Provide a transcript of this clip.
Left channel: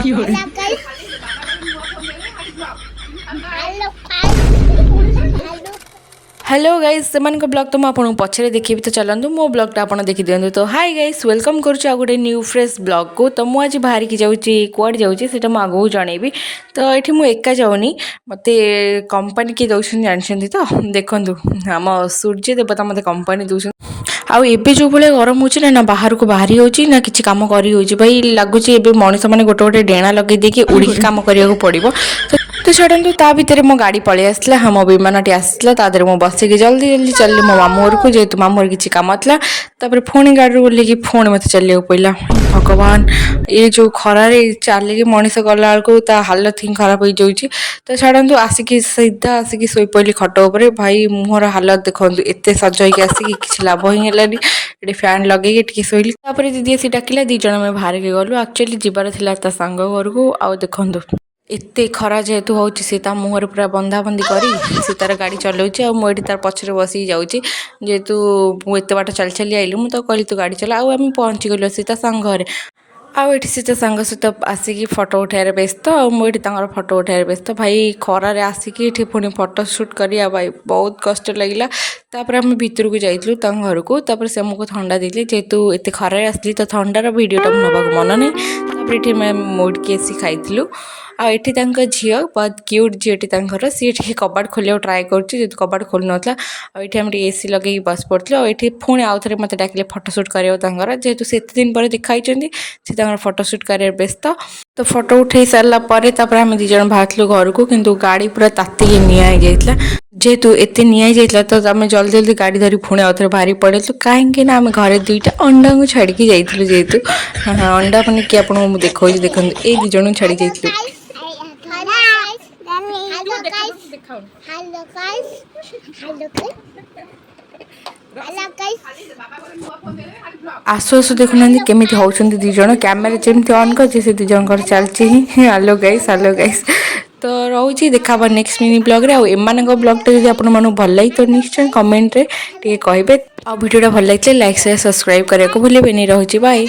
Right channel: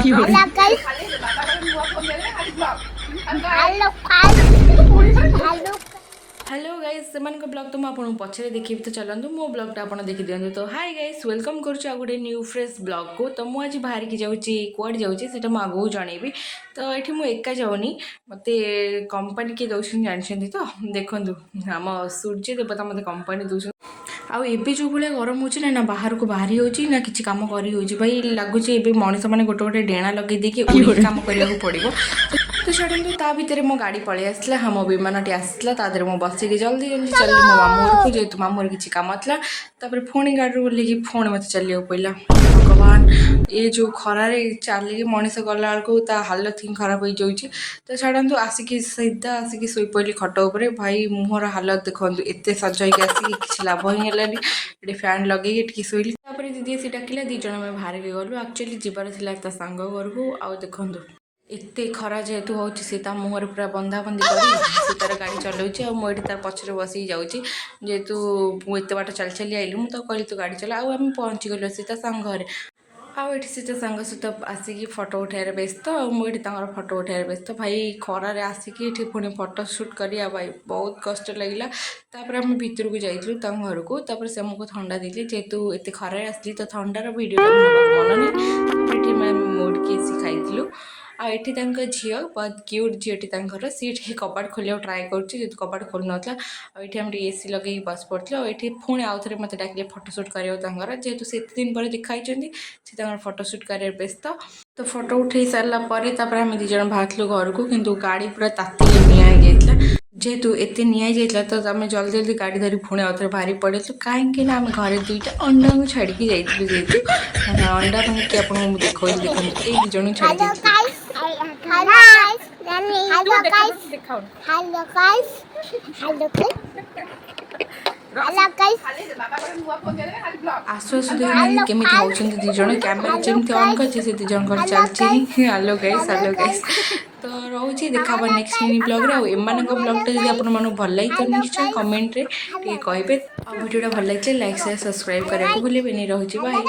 Hello guys. Hello guys. Hello. Hello guys सेमानक blog तो मुझे आपको पछरे देखिए तो चलतु मो ब्लॉगटा आप देखी दिखाँ। तो हाय गाइस वेलकम करुच्ची आ गोटे न्यू फ्रेश ब्लॉग को। तो मुझे आज बाहर की जाऊँगी कुआड़ जाऊँगी से आगू जनइबी। तो ये मुझे एका जाऊनी मत कंपनी किए दौरान जानते तो देखु आम सूर्य देवता मत कंपनी दूसरी आउ एबे जो भाई गरम होची ना बाहर को बाहरी होची ना किसी काम करी होची भाई लगुच ए मनीष मैंने गोटे गोटे डेणा लगे देकी उड़ी काम करने पड़ो। तो छाड़ू ता भितर मो गाड़ी पलि आसला हाँ मो विमानटी आसला तादर मो बसिक जल्दी जल्दी चलि मो मामू घर को जेहेतु मामू घर किसी कम था। तापर पुणी गाड़ी ओल्ल पुणी मत चलिया पड़ा। भगवान ये जो खरार चलिकी मनीष गला बेलू हालत ही खराब हो जाऊँगी। तो छाड़ू आसिक सीधा आसिक शोपड़ी खट उपर भाई मुहर हालत देखो एत सज होगी आसिक किसी लाभ ही है। ये फैन लगे शोली दीदी आसी डाकिला दी जन आम बाहर के गलु एक्चुअली जीवार था सांग घर को। आउ देखु एते खरा जेहेतु हूँ सी मुहर पूरा बंधा बंधी कर सी तार गाड़ी चलाऊँच मुझे तार पछरे बसिक जाऊँगी जेहेतु मुझे बाट चली चली आइली मुझे कहली तू गाड़ी चला आम पहुँची गलु सी सांग घर आउ सी सांग सहित आसिक फटो उठार व्यस्त मुझे फटो उठार व्यस्त भाई खरार आसिक ये पुणी फटो सुट करा भाई बहुत कष्ट लगे। तापर आम भितर को जाइलु घर को तापर से आमको थंडा देली जेहेतु एत खरार आसली तो थंडार भिडटा नवाक मन नहीं। तापर ये मैम मोड़की आसी खाइलु आठी झील बहुत क्यूट झीटी सी कबाट खोलिया ट्राए कर कबाट खोल नाला आठ आम एसी लगे बस पड़े आठ पुणी आउ थे मत डाकिले फटोशूट कर जेहेतु से एत दिन पर देखाई से फटोशूट कर व्यस्त। तो फटो उठे सारापर आम दीज बाहर घर को किंतु गाड़ी पूरा तातिक निआ जेहेतु एत निआ तो आम जल्दी जल्दी गाड़ी धरी पुणी आउ थे बाहरी पड़े कहीं आम घर दुईटा अंडा को छाड़ी जाइलु जेहेतु अंडा मैंने कि आपको देखा देखो ये दीज छाड़ी जाइलु। Hello guys. Hello guys. Hello guys. Hello guys. आसु आसु देखुना केमी होती दीज कैमेरा जमी ऑन कर से दीज चलती हेलो गाइस तो रोचे देखा नेक्स्ट मिनी ब्लॉग रे एम ब्लॉगटा जब आपको भल लगी तो निश्चय कमेंट रे कहे आ वीडियोटा भल लगे लाइक शेयर सब्सक्राइब करने को भूलें। रोचे बाय।